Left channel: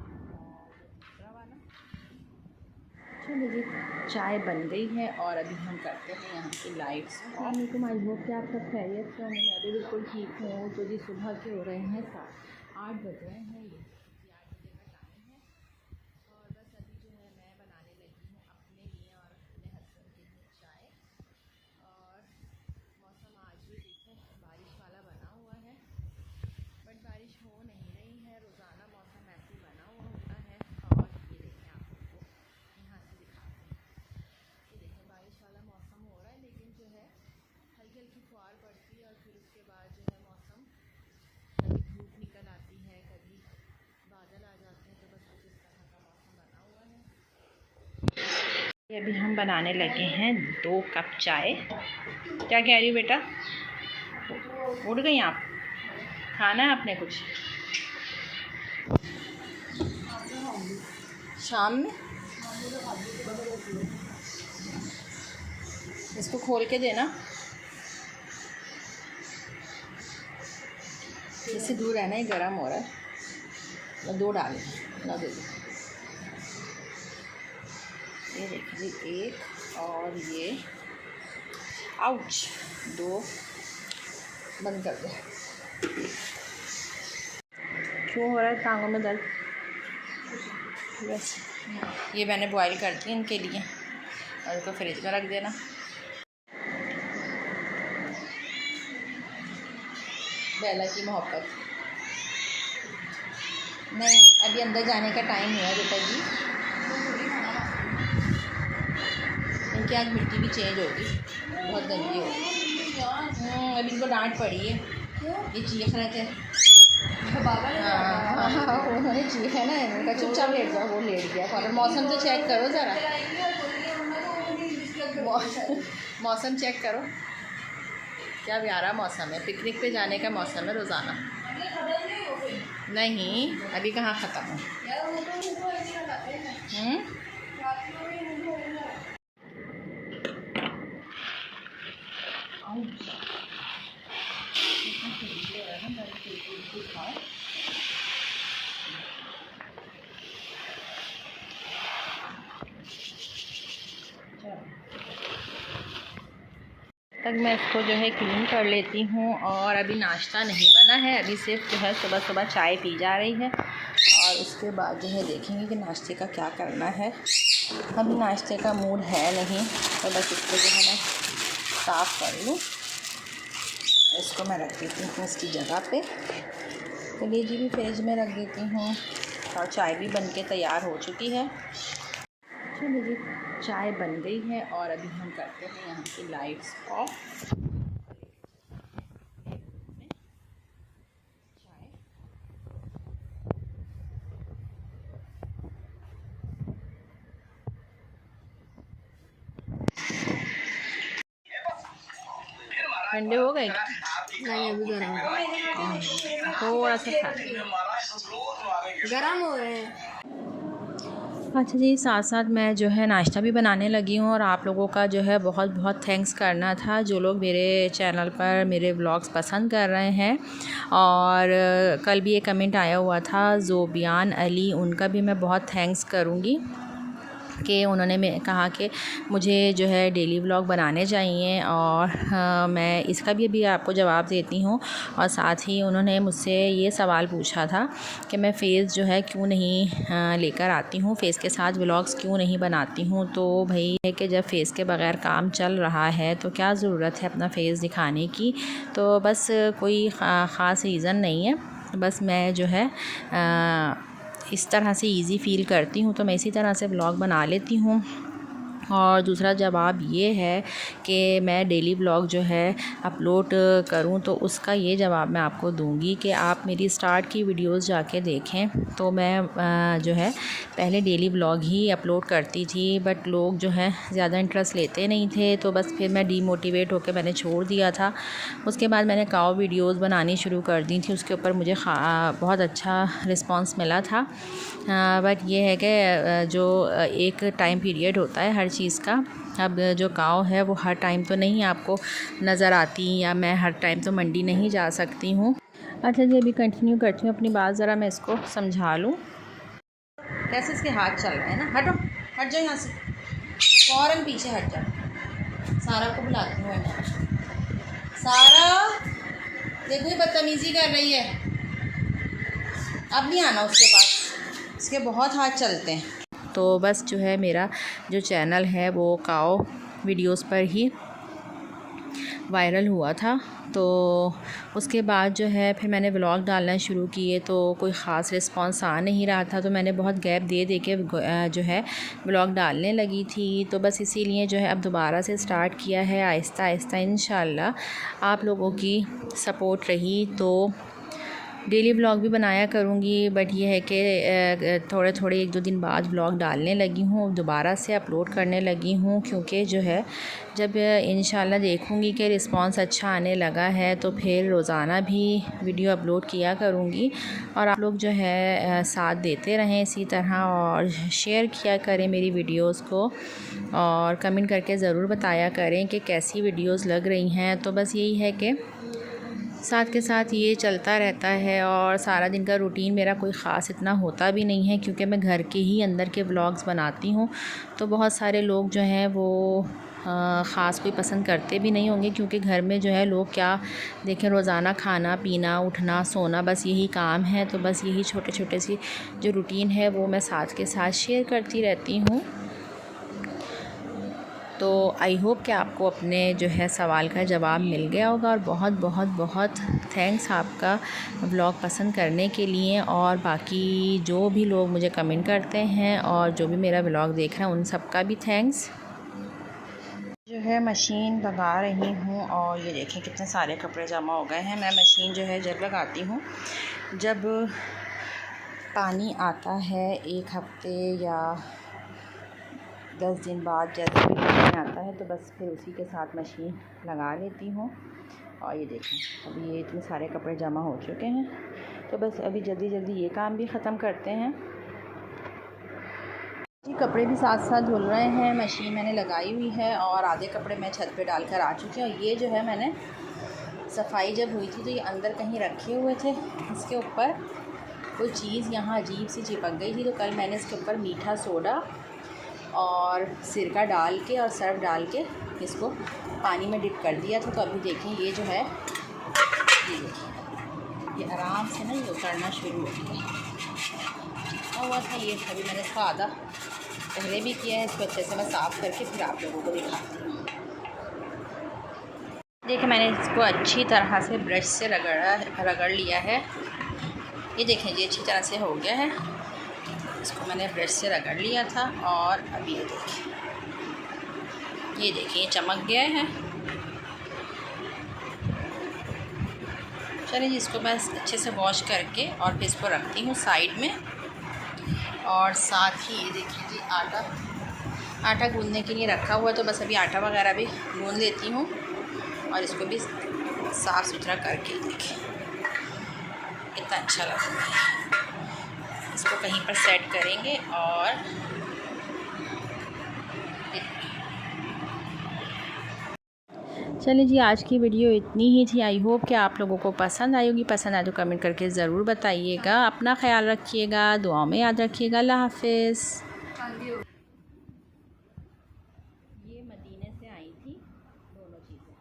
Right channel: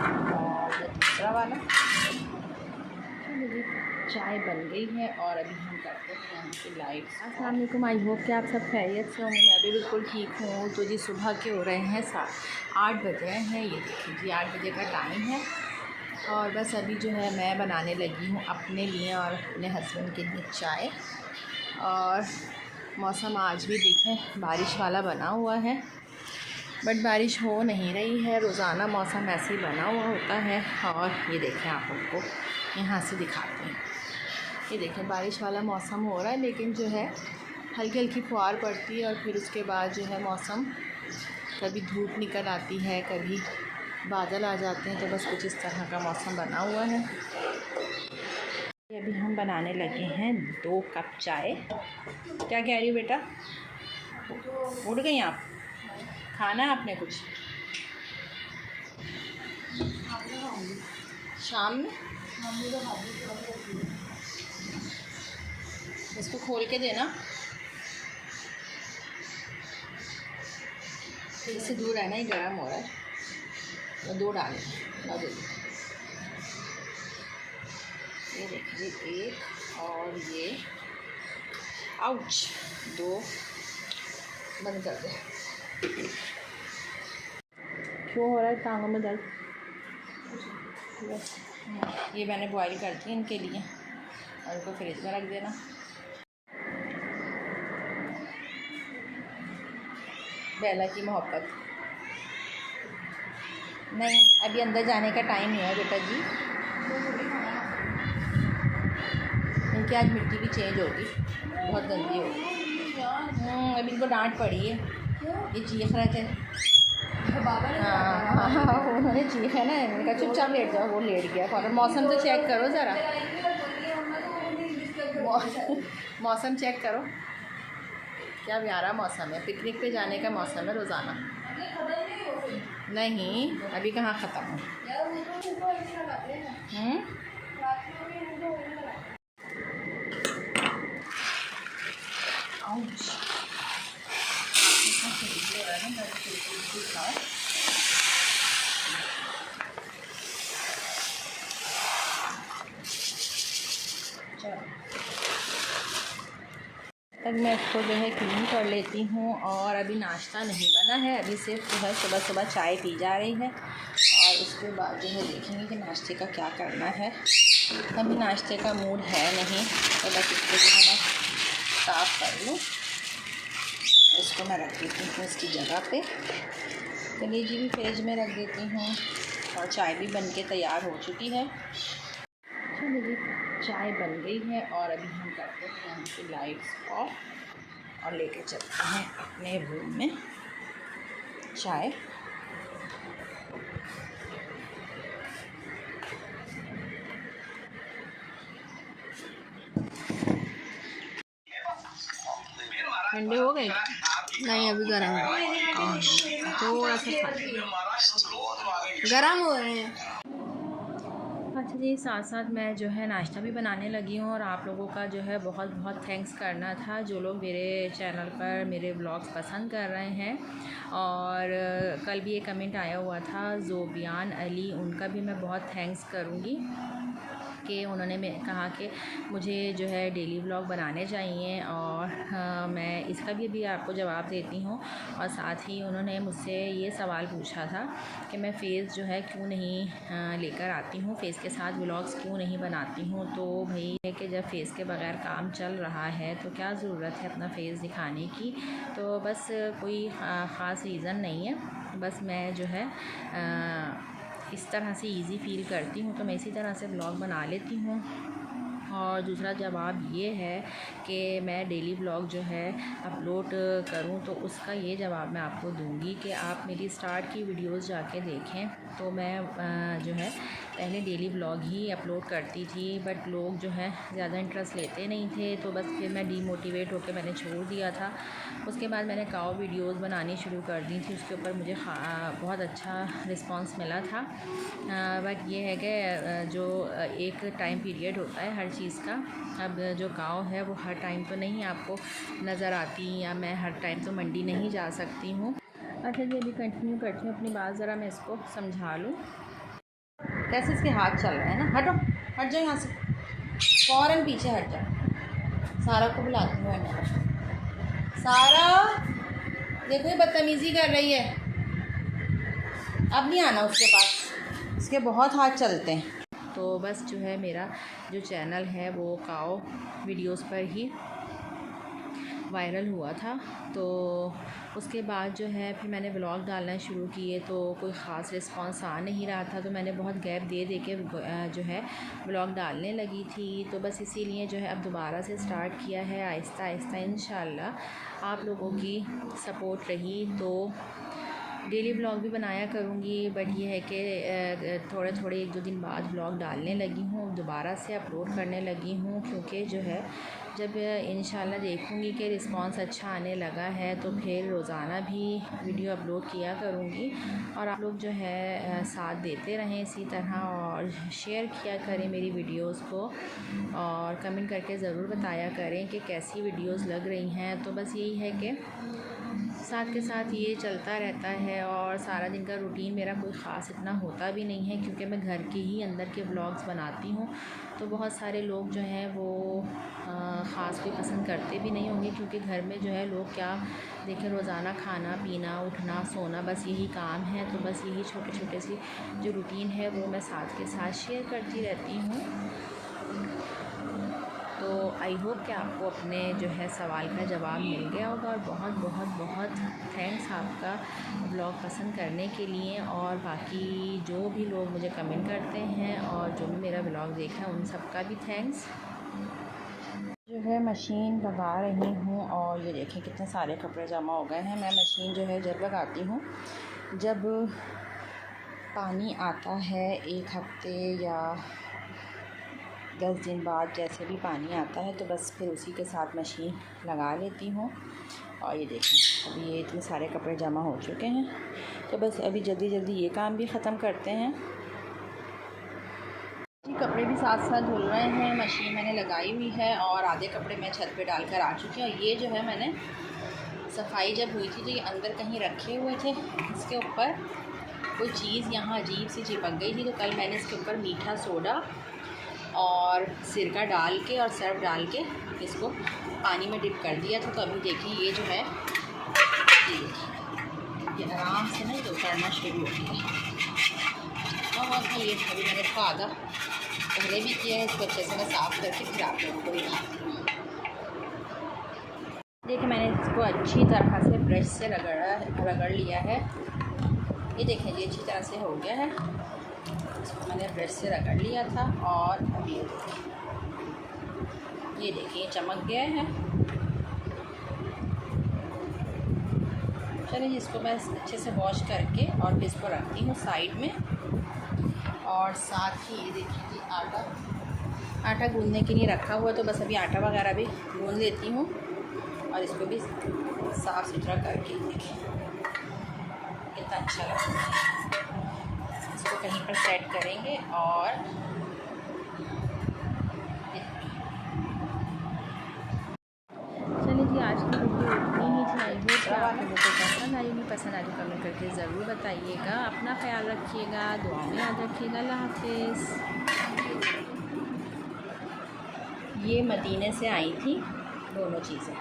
और ये दूसरा वाला। तो मेरी चाय बन गई है और अभी हम करते हैं यहाँ की लाइट्स। अस्सलाम वालेकुम, आई होप कि आप सब खैरियत से होंगे। मैं भी बिल्कुल ठीक हूँ। तो जी सुबह के हो रहे हैं 8 बज रहे हैं। ये देखिए जी 8 बजे का टाइम है और बस अभी जो है मैं बनाने लगी हूँ अपने लिए और अपने हस्बैंड के लिए चाय। और मौसम आज भी देखें बारिश वाला बना हुआ है, बट बारिश हो नहीं रही है। रोज़ाना मौसम ऐसे ही बना हुआ होता है। और ये देखें, आप लोगों को यहाँ से दिखाते हैं। ये देखें बारिश वाला मौसम हो रहा है, लेकिन जो है हल्की हल्की फुहार पड़ती है और फिर उसके बाद जो है मौसम कभी धूप निकल आती है, कभी बादल आ जाते हैं। तो बस कुछ इस तरह का मौसम बना हुआ है। अभी हम बनाने लगे हैं 2 कप चाय। क्या कह रही हो बेटा? उठ गई आप? खाना है आपने कुछ शाम में? इसको खोल के देना, इससे दूर रहना, ही गर्म हो रहा है। तो 2 डालें ना, दे दो। ये देखिए 1 और ये आउच 2 बंद कर दे। क्यों हो रहा है टांगों में दर्द? बस ये मैंने बॉईल कर दी इनके लिए और इसको फ्रिज में रख देना। बेला की मोहब्बत नहीं, अभी अंदर जाने का टाइम नहीं है बेटा जी। इनकी आज मिट्टी भी चेंज होगी, बहुत गंदी होगी। अभी इनको डांट पड़ी है, ये चीख रहे थे। हाँ, उन्होंने चीखा ना, इनका चुपचाप लेट जाओ। वो लेट गया। और मौसम तो चेक करो ज़रा, मौसम चेक करो, क्या प्यारा मौसम है। पिकनिक पे जाने का मौसम है रोज़ाना। नहीं, अभी कहाँ ख़त्म हो। तक मैं इसको जो है क्लीन कर लेती हूँ। और अभी नाश्ता नहीं बना है, अभी सिर्फ जो है सुबह सुबह चाय पी जा रही है और उसके बाद जो है देखेंगे कि नाश्ते का क्या करना है। अभी नाश्ते का मूड है नहीं, तो बस इसको जो है मैं साफ़ कर लूँ। इसको मैं रख देती हूँ इसकी जगह पे। कलेजी भी फ्रिज में रख देती हूँ और चाय भी बन के तैयार हो चुकी है। तो मेरी चाय बन गई है और अभी हम करते हैं यहाँ की लाइट्स ऑफ और लेके चलते हैं अपने रूम में चाय। ठंडे हो गए? नहीं, अभी गर्म है। थोड़ा सा खा गर्म हो रहे हैं। अच्छा जी, साथ साथ मैं जो है नाश्ता भी बनाने लगी हूँ। और आप लोगों का जो है बहुत बहुत थैंक्स करना था, जो लोग मेरे चैनल पर मेरे व्लॉग्स पसंद कर रहे हैं। और कल भी एक कमेंट आया हुआ था ज़ोबियान अली, उनका भी मैं बहुत थैंक्स करूँगी कि उन्होंने कहा कि मुझे जो है डेली व्लॉग बनाने चाहिए। और मैं इसका भी अभी आपको जवाब देती हूँ। और साथ ही उन्होंने मुझसे ये सवाल पूछा था कि मैं फ़ेस जो है क्यों नहीं लेकर आती हूँ, फ़ेस के साथ व्लॉग्स क्यों नहीं बनाती हूँ। तो भाई है कि जब फ़ेस के बग़ैर काम चल रहा है तो क्या ज़रूरत है अपना फ़ेस दिखाने की। तो बस कोई ख़ास रीज़न नहीं है, बस मैं जो है इस तरह से इजी फ़ील करती हूँ तो मैं इसी तरह से व्लॉग बना लेती हूँ। और दूसरा जवाब ये है कि मैं डेली व्लॉग जो है अपलोड करूं, तो उसका ये जवाब मैं आपको दूंगी कि आप मेरी स्टार्ट की वीडियोस जाके देखें। तो मैं जो है पहले डेली व्लॉग ही अपलोड करती थी, बट लोग जो है ज़्यादा इंटरेस्ट लेते नहीं थे। तो बस फिर मैं डीमोटिवेट होकर मैंने छोड़ दिया था। उसके बाद मैंने काव वीडियोस बनानी शुरू कर दी थी, उसके ऊपर मुझे बहुत अच्छा रिस्पांस मिला था। बट ये है कि जो एक टाइम पीरियड होता है हर चीज़ का। अब जो काव है वो हर टाइम तो नहीं आपको नज़र आती, या मैं हर टाइम तो मंडी नहीं जा सकती हूँ। अच्छा जी, अभी कंटिन्यू करती हूँ अपनी बात, ज़रा मैं इसको समझा लूँ। कैसे इसके हाथ चल रहे हैं ना। हटो, हट जाओ यहाँ से, फ़ौरन पीछे हट जाओ। सारा को बुलाती हूँ मैं। सारा देखो ये बदतमीज़ी कर रही है, अब नहीं आना उसके पास, इसके बहुत हाथ चलते हैं। तो बस जो है मेरा जो चैनल है वो काओ वीडियोस पर ही वायरल हुआ था। तो उसके बाद जो है फिर मैंने व्लॉग डालना शुरू किए, तो कोई ख़ास रिस्पांस आ नहीं रहा था, तो मैंने बहुत गैप दे दे के जो है व्लॉग डालने लगी थी। तो बस इसीलिए जो है अब दोबारा से स्टार्ट किया है आहिस्ता आहिस्ता। इंशाल्लाह आप लोगों की सपोर्ट रही तो डेली व्लॉग भी बनाया करूँगी, बट ये है कि थोड़े थोड़े 1-2 दिन बाद व्लॉग डालने लगी हूँ, दोबारा से अपलोड करने लगी हूँ, क्योंकि जो है जब इंशाल्लाह देखूँगी कि रिस्पांस अच्छा आने लगा है तो फिर रोज़ाना भी वीडियो अपलोड किया करूँगी। और आप लोग जो है साथ देते रहें इसी तरह, और शेयर किया करें मेरी वीडियोज़ को, और कमेंट करके ज़रूर बताया करें कि कैसी वीडियोज़ लग रही हैं। तो बस यही है कि साथ के साथ ये चलता रहता है, और सारा दिन का रूटीन मेरा कोई ख़ास इतना होता भी नहीं है, क्योंकि मैं घर के ही अंदर के व्लॉग्स बनाती हूँ। तो बहुत सारे लोग जो हैं वो ख़ास कोई पसंद करते भी नहीं होंगे, क्योंकि घर में जो है लोग क्या देखें, रोज़ाना खाना पीना उठना सोना बस यही काम है। तो बस यही छोटे छोटे सी जो रूटीन है वो मैं साथ के साथ शेयर करती रहती हूँ। तो आई होप कि आपको अपने जो है सवाल का जवाब मिल गया होगा, और बहुत बहुत बहुत थैंक्स आपका व्लॉग पसंद करने के लिए। और बाकी जो भी लोग मुझे कमेंट करते हैं और जो भी मेरा व्लॉग देख रहे हैं उन सब का भी थैंक्स। जो है मशीन लगा रही हूँ, और ये देखें कितने सारे कपड़े जमा हो गए हैं। मैं मशीन जो है जब लगाती हूँ, जब पानी आता है 1 हफ़्ते या 10 दिन बाद, जैसे भी पानी आता है तो बस फिर उसी के साथ मशीन लगा लेती हूँ। और ये देखें अभी ये इतने सारे कपड़े जमा हो चुके हैं, तो बस अभी जल्दी जल्दी ये काम भी ख़त्म करते हैं। कपड़े भी साथ साथ धुल रहे हैं, मशीन मैंने लगाई हुई है, और आधे कपड़े मैं छत पे डालकर आ चुकी हूँ। ये जो है मैंने सफाई जब हुई थी तो ये अंदर कहीं रखे हुए थे, इसके ऊपर कोई चीज़ यहाँ अजीब सी चिपक गई थी, तो कल मैंने इसके ऊपर मीठा सोडा और सिरका डाल के और सर्फ डाल के इसको पानी में डिप कर दिया था। तो अभी देखें ये जो है ये आराम से ना ये उतरना शुरू हो गया हुआ था। ये अभी मैंने इसका आधा पहले भी किया है, इसको अच्छे से मैं साफ़ करके फिर आप लोगों को दिखाती हूँ। देखिए मैंने इसको अच्छी तरह से ब्रश से रगड़ लिया है। ये देखें जी अच्छी तरह से हो गया है, इसको मैंने ब्रश से रगड़ लिया था। और अभी ये देखिए चमक गया है। चलिए जी इसको बस अच्छे से वॉश करके और फिर इसको रखती हूँ साइड में। और साथ ही ये देखिए जी आटा गूंदने के लिए रखा हुआ है, तो बस अभी आटा वगैरह भी गूंद लेती हूँ और इसको भी साफ़ सुथरा करके देखिए कितना अच्छा लग रहा है। इसको कहीं पर सेट करेंगे। और चलिए जी आज की वीडियो इतनी ही थी। आई होप कि आप लोगों को पसंद आई होगी। पसंद आए तो कमेंट करके ज़रूर बताइएगा। अपना ख्याल रखिएगा, दुआओं में याद रखिएगा। अल्लाह हाफिज़। ये मदीने से आई थी दोनों चीज़ें।